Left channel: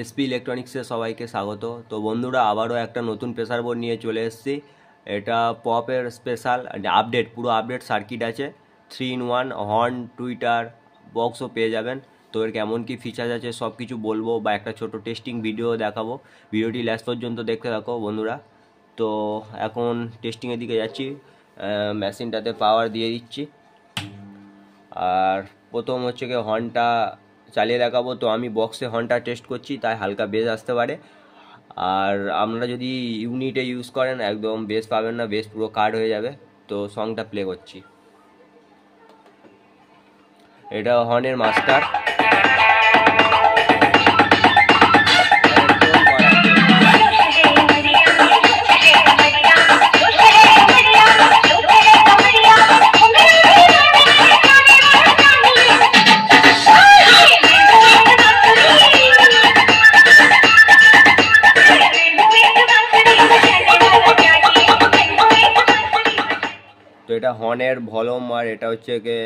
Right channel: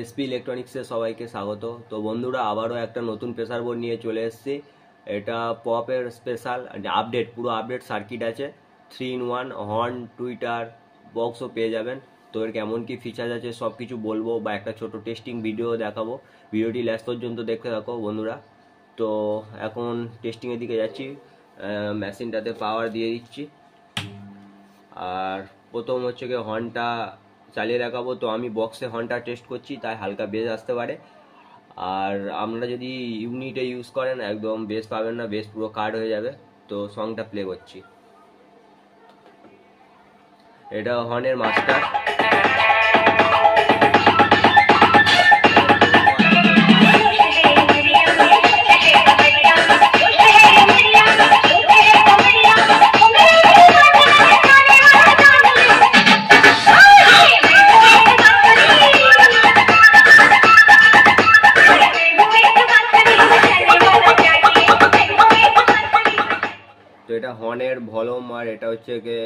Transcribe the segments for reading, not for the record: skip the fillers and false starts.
SP ইলেকট্রনিক্সে সবাইকে স্বাগত। তো বন্ধুরা, আবারও একটা নতুন প্রেসার বোর্ড নিয়ে চলে এসেছি। এটা পপের স্পেশাল আপডেট, পুরো আপডেট সার্কিট আছে, 3-in-1 হর্ন, টুইটার, বক্সও পেয়ে যাবেন। তো এর কেমন কী ফিচার্স আছে সব কিছু বলবো, বা একটা ছোট টেস্টিং ভিডিও দেখাবো। ভিডিওটি লাস্ট পর্যন্ত দেখতে থাকো বন্ধুরা। তো এখন টেস্টিংয়ের দিকে যাচ্ছি, মেশিনটাতে পাওয়ার দিয়ে দিচ্ছি। আর প্রথম হচ্ছে কি হর্নটা চালিয়ে দেখাবো। তো আমি বক্সে হর্নটা টেস্ট করছি, তাই হালকা বেস আসতে পারে। আর আপনারা যদি ইউনিটে ইউজ করেন একদম বেস পাবেন না, বেস পুরো কাট হয়ে যাবে। তো সংটা প্লে করছি, এটা হর্নের মাস্টার। তো এটা হর্নের ভলিউম, আর এটা হচ্ছে গিয়ে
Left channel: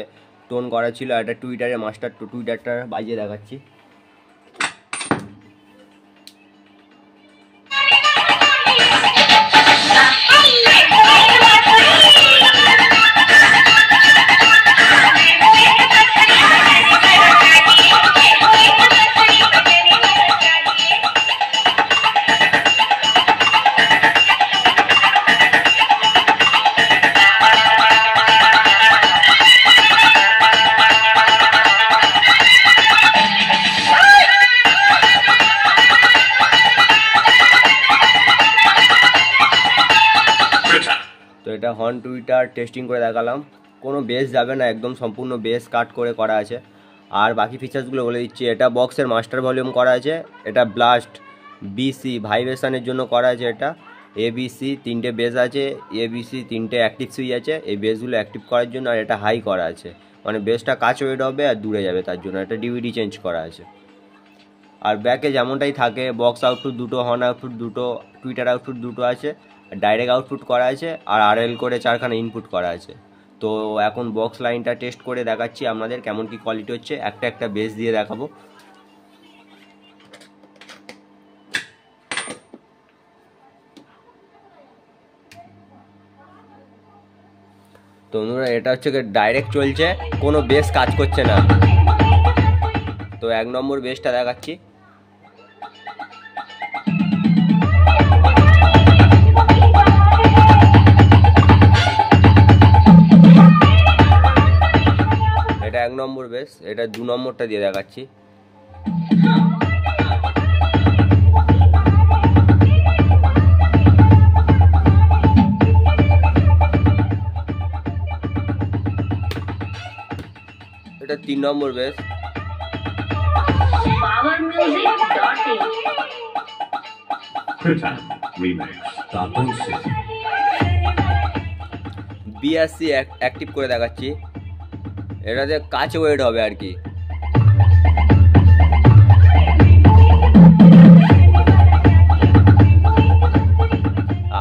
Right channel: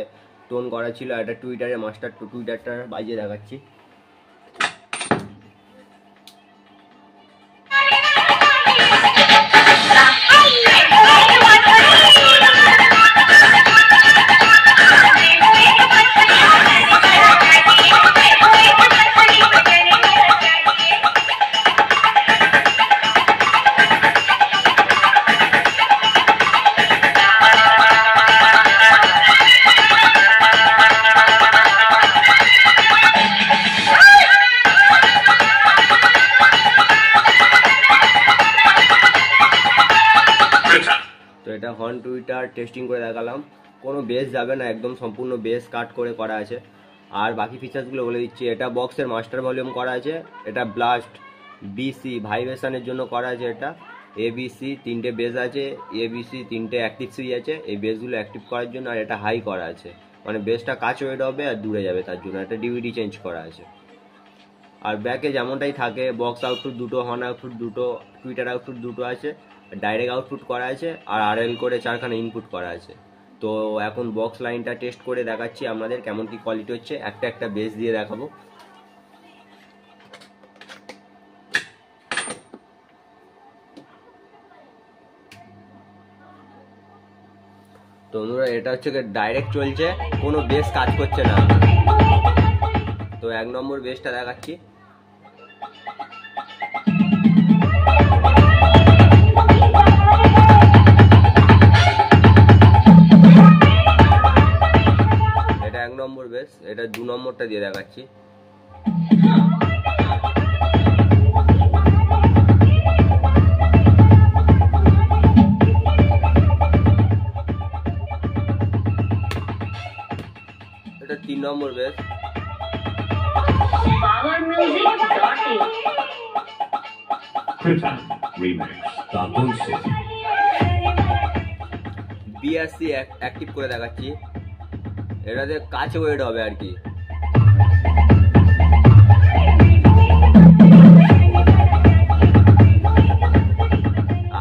টোন করা ছিল। এটা টুইটারের মাস্টার, টুইটারটা বাজিয়ে দেখাচ্ছি। তো এটা হর্ন টুইটার টেস্টিং করে দেখালাম, কোনো বেস যাবে না, একদম সম্পূর্ণ বেস কাট করে করা আছে। আর বাকি ফিচার্সগুলো বলে দিচ্ছি। এটা বক্সের মাস্টার ভলিউম করা আছে, এটা ব্লাস্ট, বিসি ভাইব্রেশনের জন্য করা আছে। এটা এবিসি 3টে বেস আছে, এবিসি 3টে অ্যাক্টিভ সুইচ আছে এই বেসগুলো অ্যাক্টিভ করার জন্য। আর এটা হাই করা আছে, মানে বেসটা কাছে ওয়েট হবে আর দূরে যাবে, তার জন্য এটা ডিভিডি চেঞ্জ করা আছে। আর ব্যাকে যেমনটাই থাকে, বক্স আউটপুট দুটো, হর্ন আউটপুট দুটো, টুইটার আউটপুট দুটো আছে, ডাইরেক্ট আউটপুট করা আছে, আর আরএল করে 4খানা ইনপুট করা আছে। তো এখন বক্স লাইনটা টেস্ট করে দেখাচ্ছি আপনাদের কেমন কি কোয়ালিটি হচ্ছে। একটা বেস দিয়ে দেখাবো। তো বন্ধুরা, এটা হচ্ছে ডাইরেক্ট চলছে, কোনো বেস কাজ করছে না। তো 1 নম্বর বেসটা দেখাচ্ছি। এটা 1 নম্বর বেস। এটা 2 নম্বরটা দিয়ে দেখাচ্ছি। এটা 3 নম্বর বেস। বিআরসি অ্যাক্টিভ করে দেখাচ্ছি, এটাতে কাছে ওয়েট হবে আর কি।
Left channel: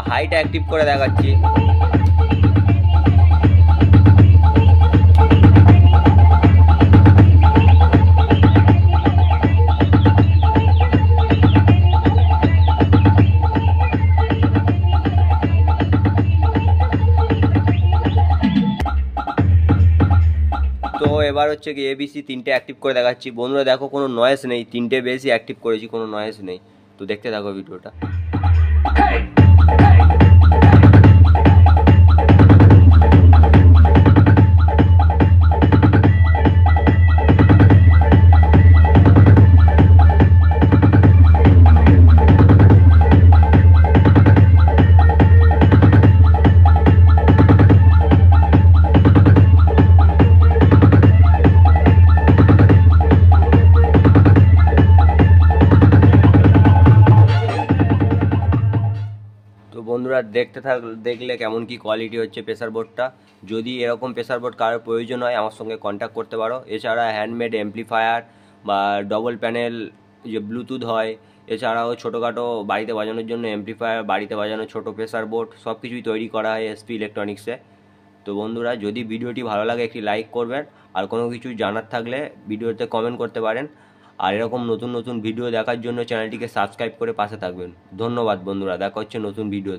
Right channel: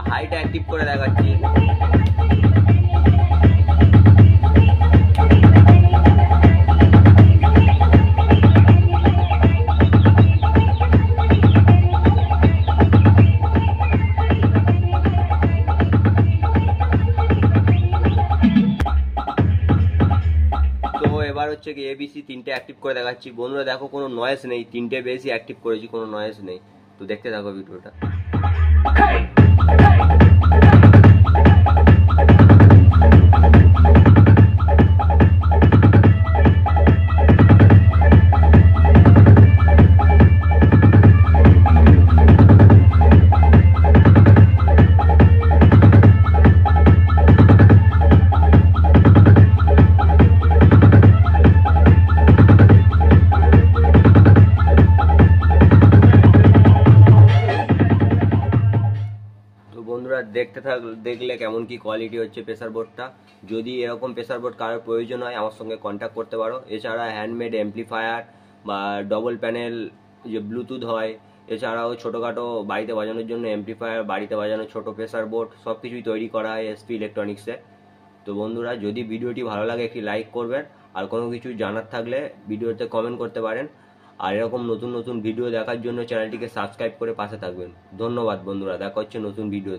হাইটা অ্যাক্টিভ করে দেখাচ্ছি। তো এবার হচ্ছে কি এবিসি 3টে অ্যাক্টিভ করে দেখাচ্ছি। বন্ধুরা দেখো, কোনো নয়েজ নেই, 3টে বেসই অ্যাক্টিভ করেছি, কোনো নয়েজ নেই। তো দেখতে থাকো ভিডিওটা। বন্ধুরা দেখলে কেমন কি কোয়ালিটি হচ্ছে প্রেসার বোর্ডটা। যদি এরকম প্রেসার বোর্ড কারোর প্রয়োজন হয় আমার সঙ্গে কন্ট্যাক্ট করতে পারো। এছাড়া হ্যান্ডমেড অ্যাম্পলিফায়ার বা ডবল প্যানেল যে ব্লুটুথ হয়, এছাড়াও ছোটোখাটো বাড়িতে বাজানোর জন্য অ্যাম্পলিফায়ার, বাড়িতে বাজানোর ছোটো প্রেসার বোর্ড, সব কিছুই তৈরি করা হয় এসপি ইলেকট্রনিক্সে। তো বন্ধুরা, যদি ভিডিওটি ভালো লাগে একটি লাইক করবেন, আর কোনো কিছু জানার থাকলে ভিডিওতে কমেন্ট করতে পারেন। আর এরকম নতুন নতুন ভিডিও দেখার জন্য চ্যানেলটিকে সাবস্ক্রাইব করে পাশে থাকবেন। ধন্যবাদ বন্ধুরা, দেখা হচ্ছে নতুন ভিডিও।